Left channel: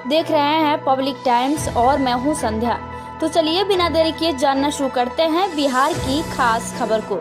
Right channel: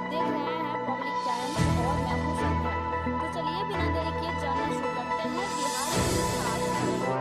आप देख रहे हैं पब्लिक टाइम्स और मैं हूं संध्या। तो चलिए बिना देरी किए जानना शुरू करते हैं बिहार की खास खबर को।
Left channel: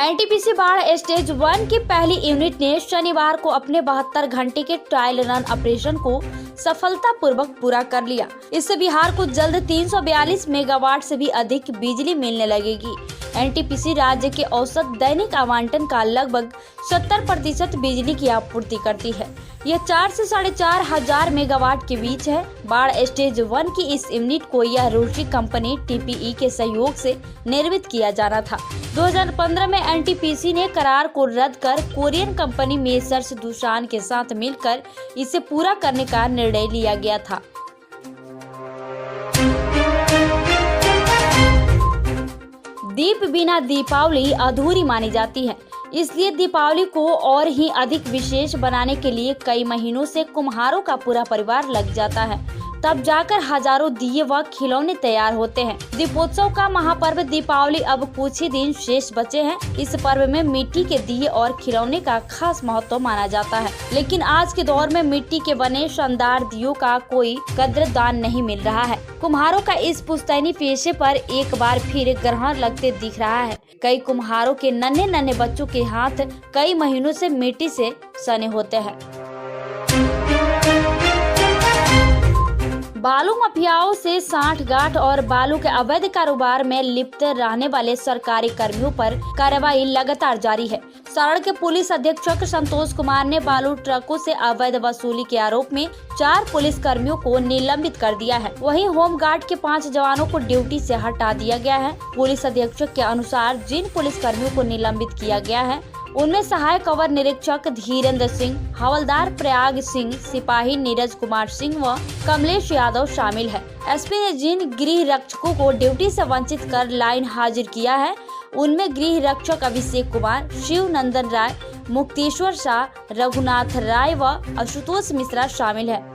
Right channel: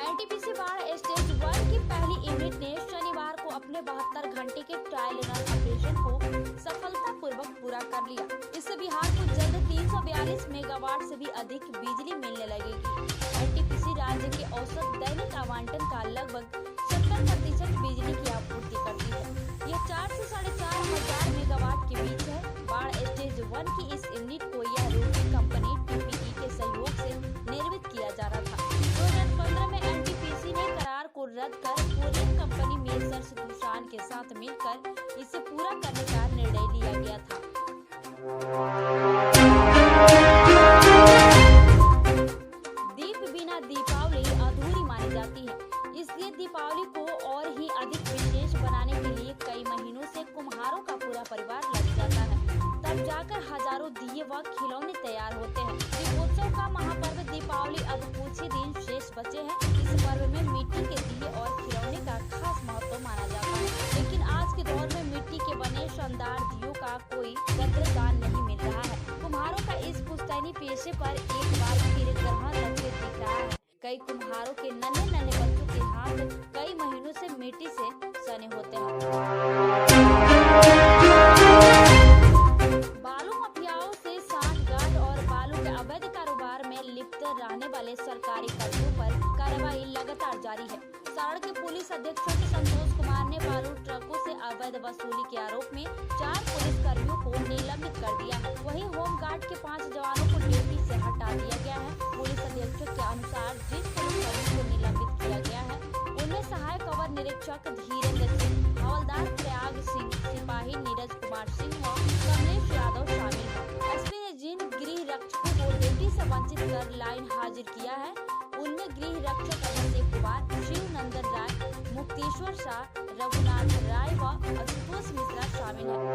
एनटीपीसी बाढ़ स्टेज 1 की पहली यूनिट ने शनिवार को अपने 72 घंटे के ट्रायल रन ऑपरेशन को सफलतापूर्वक पूरा कर लिया। इससे बिहार को जल्द 342 मेगावाट से भी अधिक बिजली मिलने लगेगी। एनटीपीसी राज्य के औसत दैनिक आवंटन का लगभग 70% बिजली की आपूर्ति करती है। यह 4 से 4.5 हजार मेगावाट के बीच है। बाढ़ स्टेज 1 की इस यूनिट को यह रूसी कंपनी टीपीई के सहयोग से निर्मित किया जाना था। 2015 में एनटीपीसी ने करार को रद्द कर कोरियन कंपनी मेसर्स दूसान के साथ मिलकर इसे पूरा करने का निर्णय लिया गया था। दीप बिना दीपावली अधूरी मानी जाती है, इसलिए दीपावली को और ही अधिक विशेष बनाने के लिए कई महीनों से कुम्हारों का पूरा परिवार लग जाता है। तब जाकर हजारों दिए व खिलौने तैयार होते हैं। दीपोत्सव का महापर्व दीपावली अब कुछ ही दिन शेष बचे हैं। इस पर्व में मिट्टी के दिए और खिलौने का खास महत्व माना जाता है, लेकिन आज के दौर में मिट्टी के बने शानदार दियों का कोई कद्रदान नहीं मिल रहा है। कुम्हारों का इस पुश्तैनी पेशे पर एक बार फिर ग्रहण लगते दिख रहा है। कई कुम्हारों के नन्हे नन्हे बच्चों के हाथ कई महीनों से मिट्टी से सने होते हैं। बालू माफियाओं से सांठगांठ और बालू के अवैध कारोबार में लिप्त रहने वाले सरकारी कर्मियों पर कार्रवाई लगातार जारी है। सारण के पुलिस अधीक्षक संतोष कुमार ने बालू ट्रकों से अवैध वसूली के आरोप में 4 पुलिस कर्मियों को निलंबित कर दिया है। वहीं होमगार्ड के 5 जवानों को ड्यूटी से हटा दिया गया है। पुलिस अधीक्षक के अनुसार जिन पुलिस कर्मियों को निलंबित किया गया है उनमें सहायक अवर निरीक्षक धीरेन्द्र सिंह, हवलदार प्रयाग सिंह, सिपाही नीरज कुमार सिंह व कमलेश यादव शामिल है। एसपी ने जिन गृह रक्षकों को ड्यूटी से वंचित कर लाइन हाजिर किया है उनमें गृह रक्षक अभिषेक कुमार, शिव नंदन राय, मुक्तेश्वर शाह, रघुनाथ राय व आशुतोष मिश्रा शामिल है।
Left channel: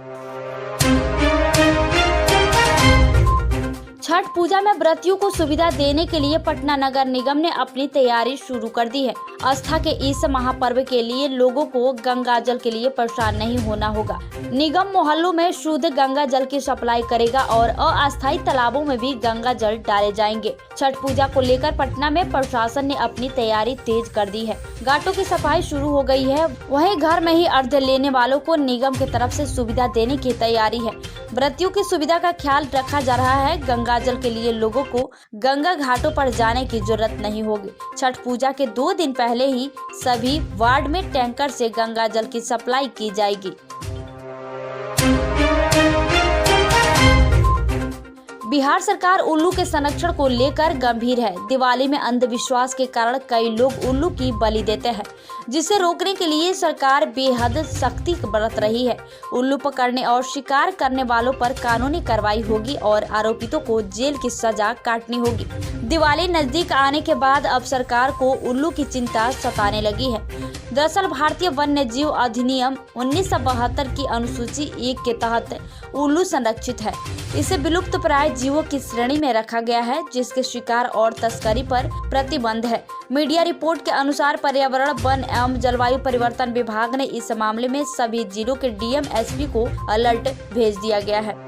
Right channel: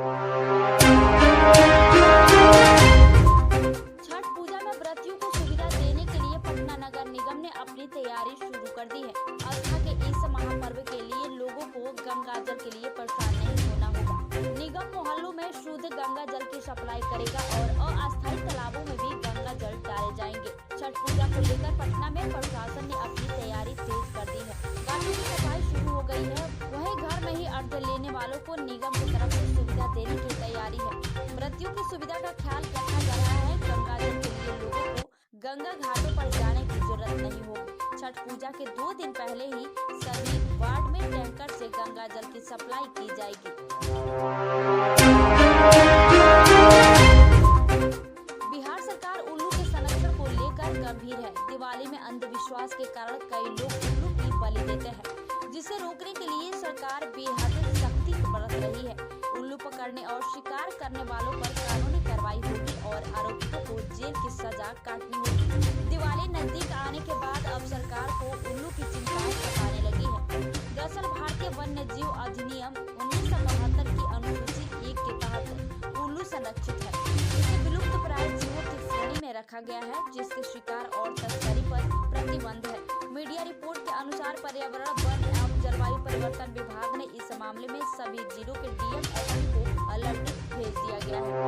छठ पूजा में व्रतियों को सुविधा देने के लिए पटना नगर निगम ने अपनी तैयारी शुरू कर दी है। आस्था के इस महापर्व के लिए लोगों को गंगा जल के लिए परेशान नहीं होना होगा। निगम मोहल्लों में शुद्ध गंगा जल की सप्लाई करेगा और अस्थायी तालाबों में भी गंगा जल डाले जाएंगे। छठ पूजा को लेकर पटना में प्रशासन ने अपनी तैयारी तेज कर दी है। घाटों की सफाई शुरू हो गई है। वहीं घर में ही अर्घ्य लेने वालों को निगम की तरफ से सुविधा देने की तैयारी है। व्रतियों की सुविधा का ख्याल रखा जा रहा है। गंगा जल के लिए लोगों को गंगा घाटों पर जाने की जरूरत नहीं होगी। छठ पूजा के 2 दिन पहले ही सभी वार्ड में टैंकर से गंगा जल की सप्लाई की जाएगी। बिहार सरकार उल्लू के संरक्षण को लेकर गंभीर है। दिवाली में अंधविश्वास के कारण कई लोग उल्लू की बलि देते हैं, जिसे रोकने के लिए सरकार बेहद सख्ती बरत रही है। उल्लू पकड़ने और शिकार करने वालों पर कानूनी कार्रवाई होगी और आरोपितों को जेल की सजा काटनी होगी। दिवाली नजदीक आने के बाद अब सरकार को उल्लू की चिंता सताने लगी है। दरअसल भारतीय वन्य जीव अधिनियम 1972 की अनुसूची 1 के तहत उल्लू संरक्षित है। इसे विलुप्त प्राय जीवों की श्रेणी में रखा गया है, जिसके शिकार और तस्करी पर प्रतिबंध है। मीडिया रिपोर्ट के अनुसार पर्यावरण, वन एवं जलवायु परिवर्तन विभाग ने इस मामले में सभी जिलों के डीएम, एसपी को अलर्ट भेज दिया गया है।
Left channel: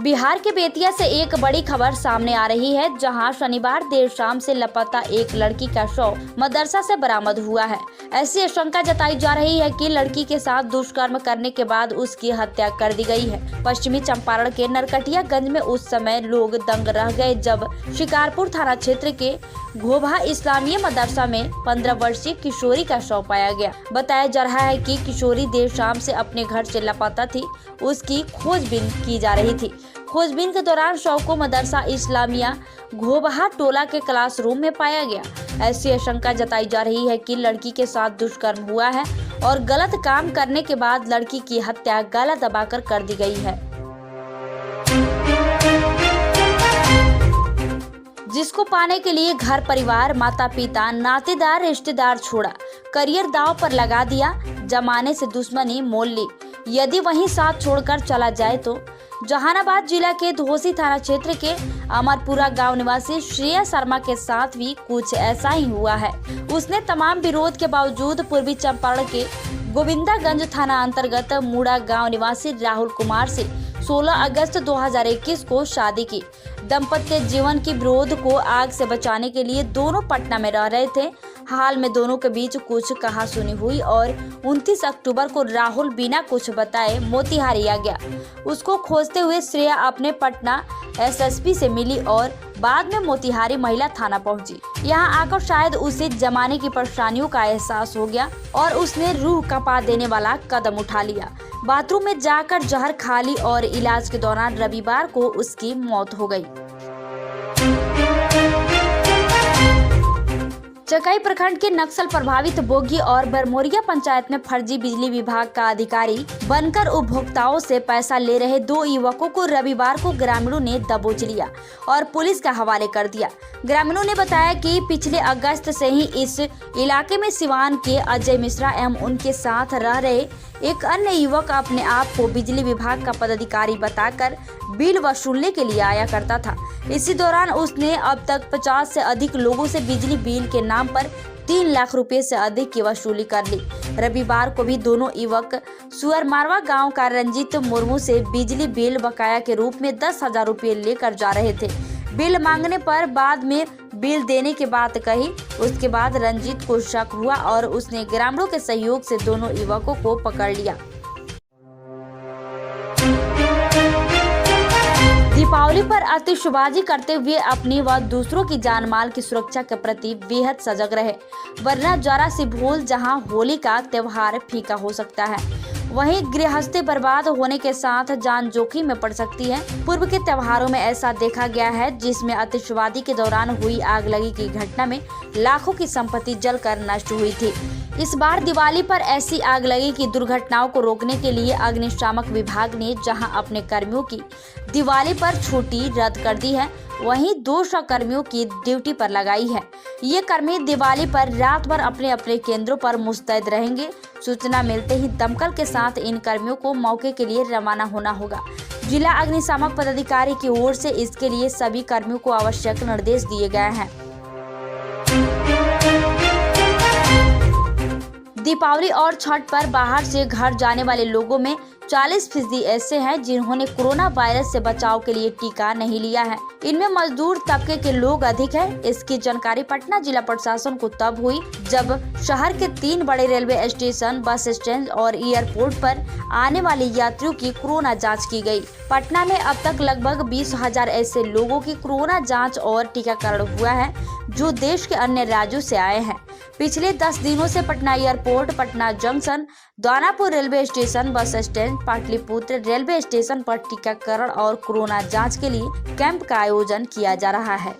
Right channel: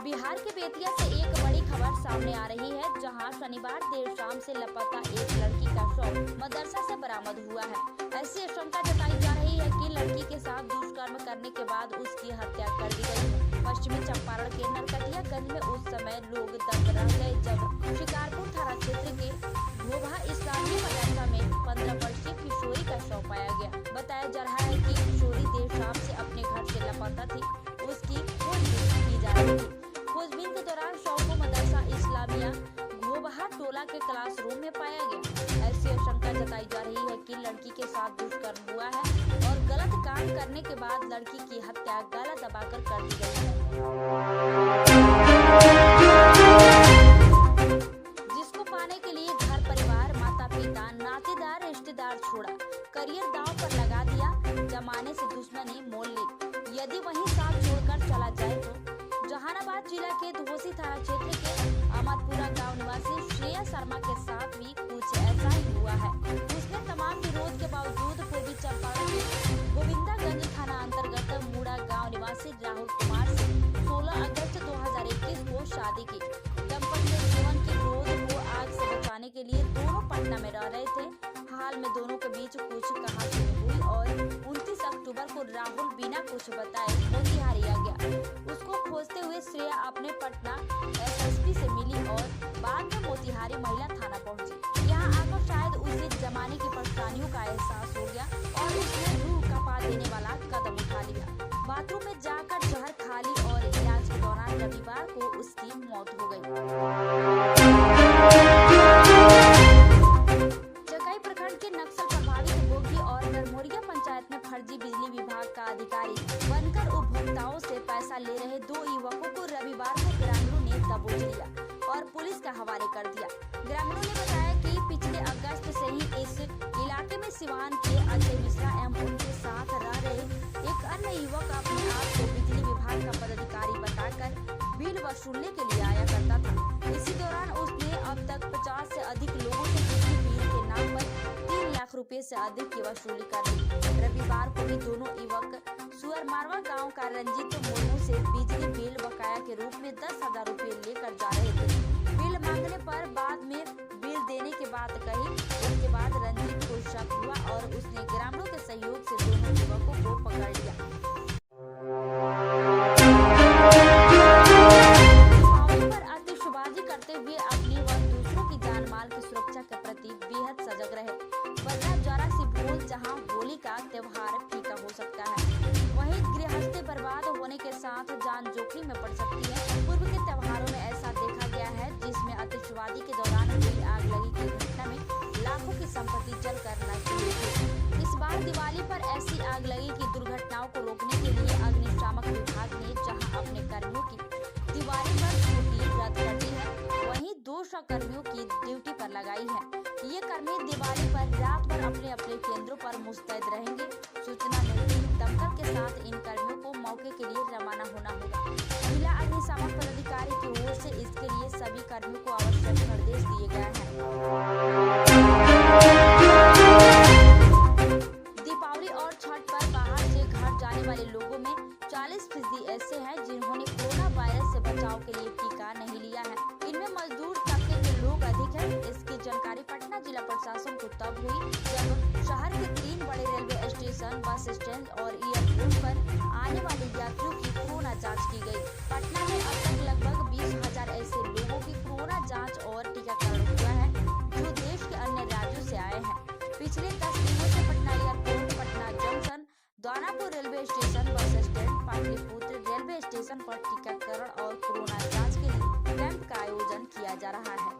बिहार के बेतिया से एक बड़ी खबर सामने आ रही है, जहां शनिवार देर शाम से लापता एक लड़की का शव मदरसा से बरामद हुआ है। ऐसी आशंका जताई जा रही है कि लड़की के साथ दुष्कर्म करने के बाद उसकी हत्या कर दी गई है। पश्चिमी चंपारण के नरकटियागंज में उस समय लोग दंग रह गए जब शिकारपुर थाना क्षेत्र के घोभा इस्लामिया मदरसा में 15 वर्षीय किशोरी का शव पाया गया। बताया जा रहा है कि किशोरी देर शाम से अपने घर से लापता थी। उसकी खोजबीन की जा रही थी। खोजबीन के दौरान शव को मदरसा इस्लामिया घोबहा टोला के क्लासरूम में पाया गया। ऐसी आशंका जताई जा रही है कि लड़की के साथ दुष्कर्म हुआ है और गलत काम करने के बाद लड़की की हत्या गला दबाकर कर दी गई है, जिसको पाने के लिए घर परिवार, माता पिता, नातेदार, रिश्तेदार छोड़ा, करियर दांव पर लगा दिया, जमाने से दुश्मनी मोल ली। यदि वहीं साथ छोड़कर चला जाए तो जहानाबाद जिला के धोसी थाना क्षेत्र के अमरपुरा गांव निवासी श्रेया शर्मा के साथ भी कुछ ऐसा ही हुआ है। उसने तमाम विरोध के बावजूद पूर्वी चंपारण के गोविंदागंज थाना अंतर्गत मुड़ा गांव निवासी राहुल कुमार से 16 अगस्त 2021 को शादी की। दंपत्य जीवन के विरोध को आग से बचाने के लिए दोनों पटना में रह रहे थे। हाल में दोनों के बीच कुछ कहासुनी हुई और 29 अक्टूबर को राहुल बिना कुछ बताए मोतिहारी आ गया। उसको खोजते हुए श्रेया अपने पटना एसएसपी से मिली और बाद में मोतिहारी महिला थाना पहुंची। यहां आकर शायद उसे जमाने की परेशानियों का एहसास हो गया और उसने रूह कपा देने वाला कदम उठा लिया। बाथरूम में जाकर जहर खा ली और इलाज के दौरान रविवार को उसकी मौत हो गई। चकाई प्रखंड के नक्सल प्रभावित बोगी और बरमोरिया पंचायत में फर्जी बिजली विभाग का अधिकारी बनकर उपभोक्ताओं से पैसा ले रहे 2 युवकों को रविवार को ग्रामीणों ने दबोच लिया और पुलिस के हवाले कर दिया। ग्रामीणों ने बताया कि पिछले अगस्त से ही इस इलाके में सिवान के अजय मिश्रा एवं उनके साथ रह रहे एक अन्य युवक अपने आप को बिजली विभाग का पदाधिकारी बताकर बिल वसूलने के लिए आया करता था। इसी दौरान उसने अब तक 50 से अधिक लोगों से बिजली बिल के नाम पर 3 लाख रुपए से अधिक की वसूली कर ली। रविवार को भी दोनों युवक सुअर मारवा गाँव का रंजीत मुर्मू से बिजली बिल बकाया के रूप में 10,000 रुपए लेकर जा रहे थे। बिल मांगने पर बाद में बिल देने की बात कही। उसके बाद रंजीत को शक हुआ और उसने ग्रामीणों के सहयोग से दोनों युवकों को पकड़ लिया। दीपावली पर आतिशबाजी करते हुए अपनी व दूसरों की जान माल की सुरक्षा के प्रति बेहद सजग रहे, वरना जरा सी भूल जहां होली का त्योहार फीका हो सकता है, वहीं गृहस्थी बर्बाद होने के साथ जान जोखिम में पड़ सकती है। पूर्व के त्योहारों में ऐसा देखा गया है, जिसमें आतिशबाजी के दौरान हुई आगलगी की घटना में लाखों की संपत्ति जलकर नष्ट हुई थी। इस बार दिवाली पर ऐसी आगलगी की दुर्घटनाओं को रोकने के लिए अग्निशामक विभाग ने जहां अपने कर्मियों की दिवाली पर छुट्टी रद्द कर दी है, वहीं 200 कर्मियों की ड्यूटी पर लगाई है। ये कर्मी दिवाली पर रात भर अपने अपने केंद्रों पर मुस्तैद रहेंगे। सूचना मिलते ही दमकल के साथ इन कर्मियों को मौके के लिए रवाना होना होगा। जिला अग्निशामक पदाधिकारी की ओर से इसके लिए सभी कर्मियों को आवश्यक निर्देश दिए गए हैं। दीपावली और छठ पर बाहर से घर जाने वाले लोगों में 40% ऐसे हैं जिन्होंने कोरोना वायरस से बचाव के लिए टीका नहीं लिया है। इनमें मजदूर तबके के लोग अधिक हैं। इसकी जानकारी पटना जिला प्रशासन को तब हुई जब शहर के 3 बड़े रेलवे स्टेशन, बस स्टैंड और एयरपोर्ट पर आने वाले यात्रियों की कोरोना जांच की गई। पटना में अब तक लगभग 20,000 ऐसे लोगों की कोरोना जांच और टीकाकरण हुआ है जो देश के अन्य राज्यों से आए हैं। पिछले 10 दिनों से Patna airport, Patna junction, Danapur railway station, bus stand, Pataliputra railway station पर टीकाकरण और कोरोना जांच के लिए कैंप का आयोजन किया जा रहा है।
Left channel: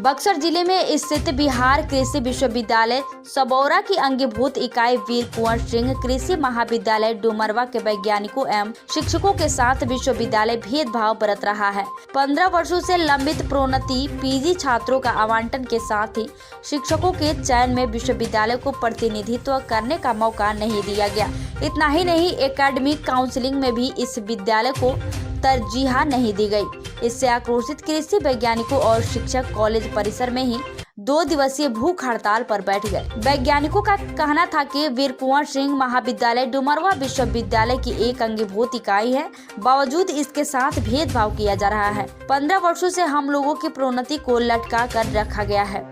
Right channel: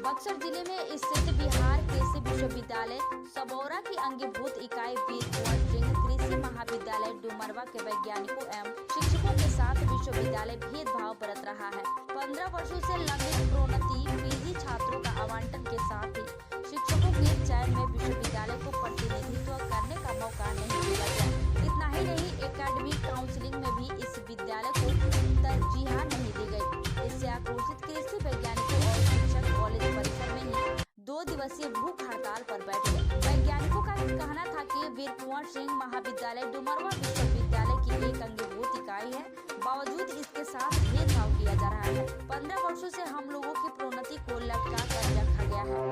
बक्सर जिले में स्थित बिहार कृषि विश्वविद्यालय सबौरा की अंगीभूत इकाई वीर कुंवर सिंह कृषि महाविद्यालय डुमरवा के वैज्ञानिकों एवं शिक्षकों के साथ विश्वविद्यालय भेदभाव बरत रहा है। 15 वर्षों से लंबित प्रोन्नति पीजी छात्रों का आवंटन के साथ ही शिक्षकों के चयन में विश्वविद्यालय को प्रतिनिधित्व करने का मौका नहीं दिया गया। इतना ही नहीं, एकेडमिक काउंसिलिंग में भी इस विद्यालय को तरजीह नहीं दी गई। इससे आक्रोशित कृषि वैज्ञानिकों और शिक्षक कॉलेज परिसर में ही 2 दिवसीय भूख हड़ताल पर बैठ गए। वैज्ञानिकों का कहना था कि वीर कुंवर सिंह महाविद्यालय डुमरवा विश्वविद्यालय की एक अंगीभूत इकाई है, बावजूद इसके साथ भेदभाव किया जा रहा है। 15 वर्षों से हम लोगों की प्रोन्नति को लटका कर रखा गया है।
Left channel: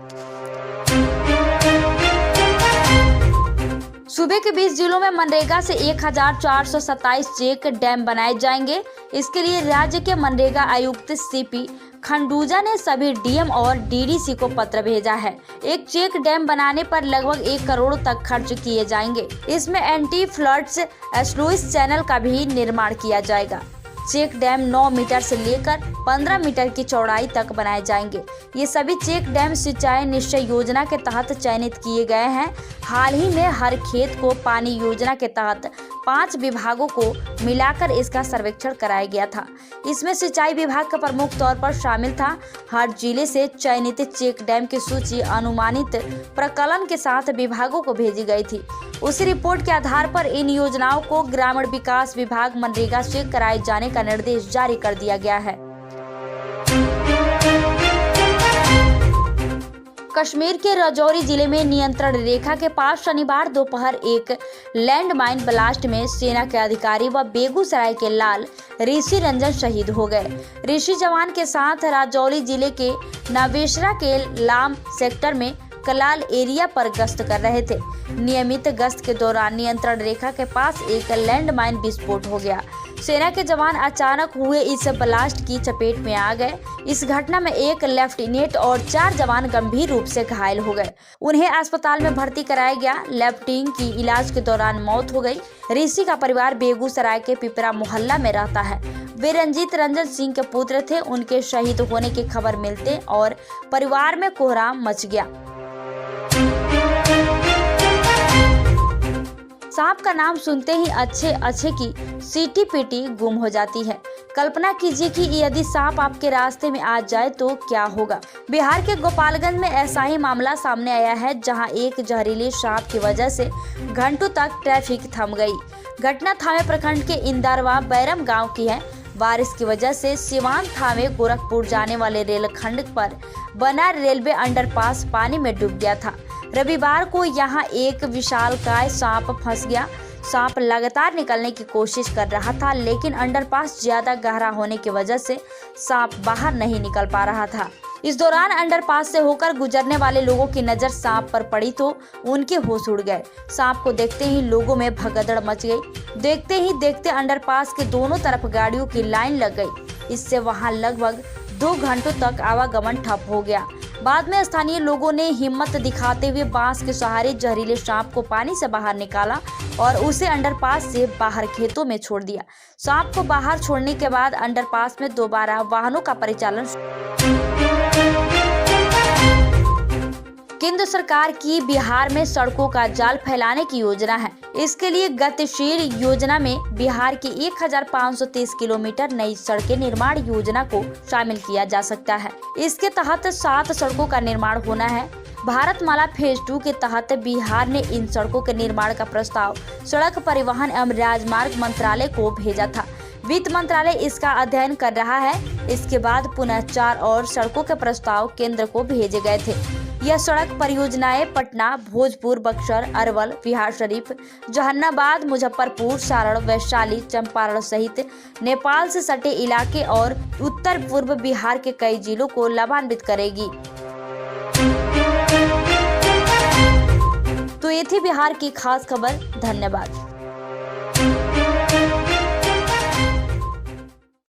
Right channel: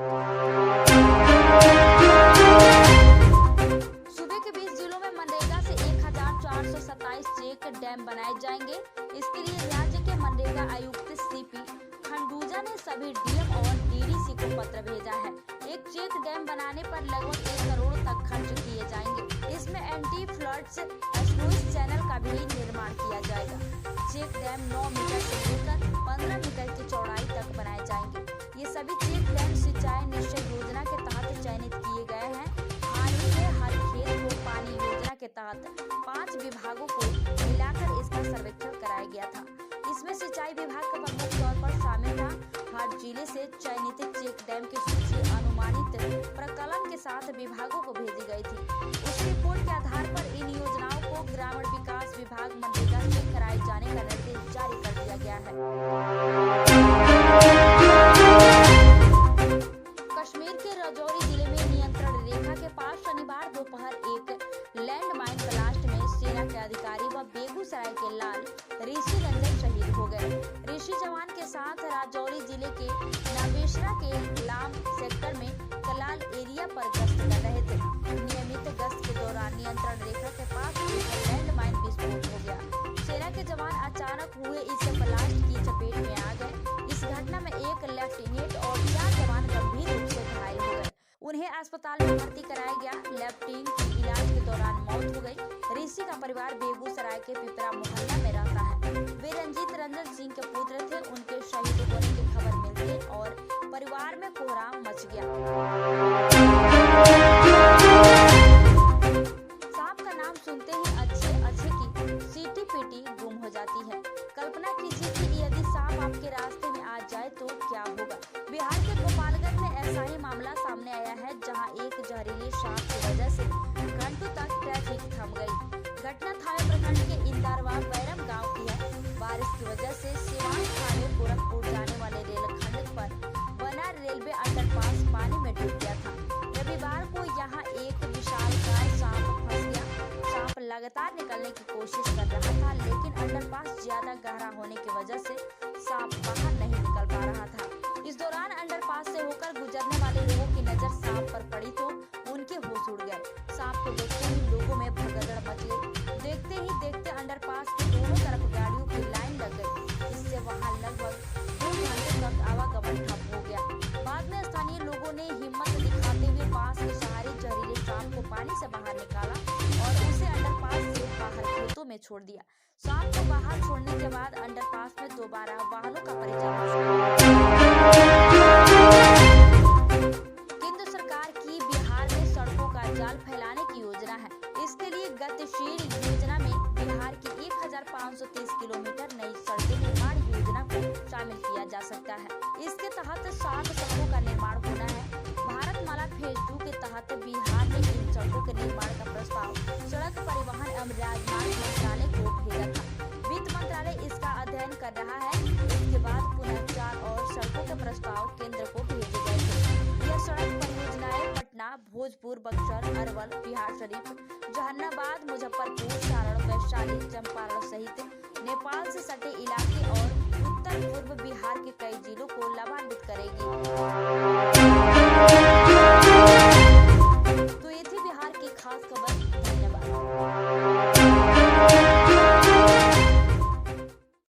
सूबे के 20 जिलों में मनरेगा से 1427 चेक डैम बनाए जाएंगे। इसके लिए राज्य के मनरेगा आयुक्त सीपी खंडूजा ने सभी डीएम और डीडीसी को पत्र भेजा है। एक चेक डैम बनाने पर लगभग 1 करोड़ तक खर्च किए जाएंगे। इसमें एंटी फ्लड्स स्लुइस चैनल का भी निर्माण किया जाएगा। चेक डैम 9 मीटर से लेकर 15 मीटर की चौड़ाई तक बनाए जाएंगे। ये सभी चेक डैम सिंचाई निश्चय योजना के तहत चयनित किए गए हैं। हाल ही में हर खेत को पानी योजना के तहत 5 विभागों को मिलाकर इसका सर्वेक्षण कराया गया था। इसमें सिंचाई विभाग का प्रमुख तौर पर शामिल था। हर जिले से चयनित चेक डैम की सूची अनुमानित प्रकलन के साथ विभागों को भेजी गई थी। उसी रिपोर्ट के आधार पर इन योजनाओं को ग्रामीण विकास विभाग मनरेगा से कराए जाने का निर्देश जारी कर दिया गया है। कश्मीर के राजौरी जिले में नियंत्रण रेखा के पास शनिवार दोपहर एक लैंडमाइन ब्लास्ट में सेना के अधिकारी व बेगूसराय के लाल ऋषि रंजन शहीद हो गए। ऋषि जवान के साथ राजौरी जिले के नवेशरा के लाम सेक्टर में कलाल एरिया पर गश्त कर रहे थे। नियमित गश्त के दौरान नियंत्रण रेखा के पास एक लैंडमाइन विस्फोट हो गया। सेना के जवान अचानक हुए इस ब्लास्ट की चपेट में आ गए। इस घटना में एक लेफ्टिनेंट और 4 जवान गंभीर रूप से घायल हो गए। उन्हें अस्पताल में भर्ती कराया गया। लेफ्टिनेंट की इलाज के दौरान मौत हो गई। ऋषि का परिवार बेगूसराय के पिपरा मोहल्ला में रहता है। वे रंजीत रंजन सिंह के पुत्र थे। उनके शहीद होने की खबर मिलते और परिवार में कोहराम मच गया। सांप का नाम सुनते ही अच्छे की सीटी पीटी गुम हो जाती है। कल्पना कीजिए कि यदि सांप आपके रास्ते में आ जाए तो क्या होगा। बिहार के गोपालगंज में ऐसा ही मामला सामने आया है, जहां एक जहरीले सांप की वजह से घंटों तक ट्रैफिक थम गई। घटना थावे प्रखंड के इंदारवा बैरम गांव की है। बारिश की वजह से सिवान थावे गोरखपुर जाने वाले रेलखंड पर बना रेलवे अंडरपास पानी में डूब गया था। रविवार को यहां एक विशालकाय सांप फंस गया। सांप लगातार निकलने की कोशिश कर रहा था, लेकिन अंडरपास ज्यादा गहरा होने की वजह से सांप बाहर नहीं निकल पा रहा था। इस दौरान अंडरपास से होकर गुजरने वाले लोगों की नजर सांप पर पड़ी तो उनके होश उड़ गए। सांप को देखते ही लोगों में भगदड़ मच गई। देखते ही देखते अंडरपास के दोनों तरफ गाड़ियों की लाइन लग गई। इससे वहां लगभग 2 घंटों तक आवागमन ठप हो गया। बाद में स्थानीय लोगों ने हिम्मत दिखाते हुए बांस के सहारे जहरीले सांप को पानी से बाहर निकाला और उसे अंडरपास से बाहर खेतों में छोड़ दिया। सांप को बाहर छोड़ने के बाद अंडरपास में दोबारा वाहनों का परिचालन। केंद्र सरकार की बिहार में सड़कों का जाल फैलाने की योजना है। इसके लिए गतिशील योजना में बिहार की 1530 किलोमीटर नई सड़कें निर्माण योजना को शामिल किया जा सकता है। इसके तहत 7 सड़कों का निर्माण होना है। भारतमाला फेज 2 के तहत बिहार ने इन सड़कों के निर्माण का प्रस्ताव सड़क परिवहन एवं राजमार्ग मंत्रालय को भेजा था। वित्त मंत्रालय इसका अध्ययन कर रहा है। इसके बाद पुनः 4 और सड़कों के प्रस्ताव केंद्र को भेजे गए थे। यह सड़क परियोजनाएं पटना, भोजपुर, बक्सर, अरवल, बिहारशरीफ, जहानाबाद, मुजफ्फरपुर, सारण, वैशाली, चंपारण सहित नेपाल से सटे इलाके और उत्तर पूर्व बिहार के कई जिलों को लाभान्वित करेगी। तो ये थी बिहार की खास खबर। धन्यवाद।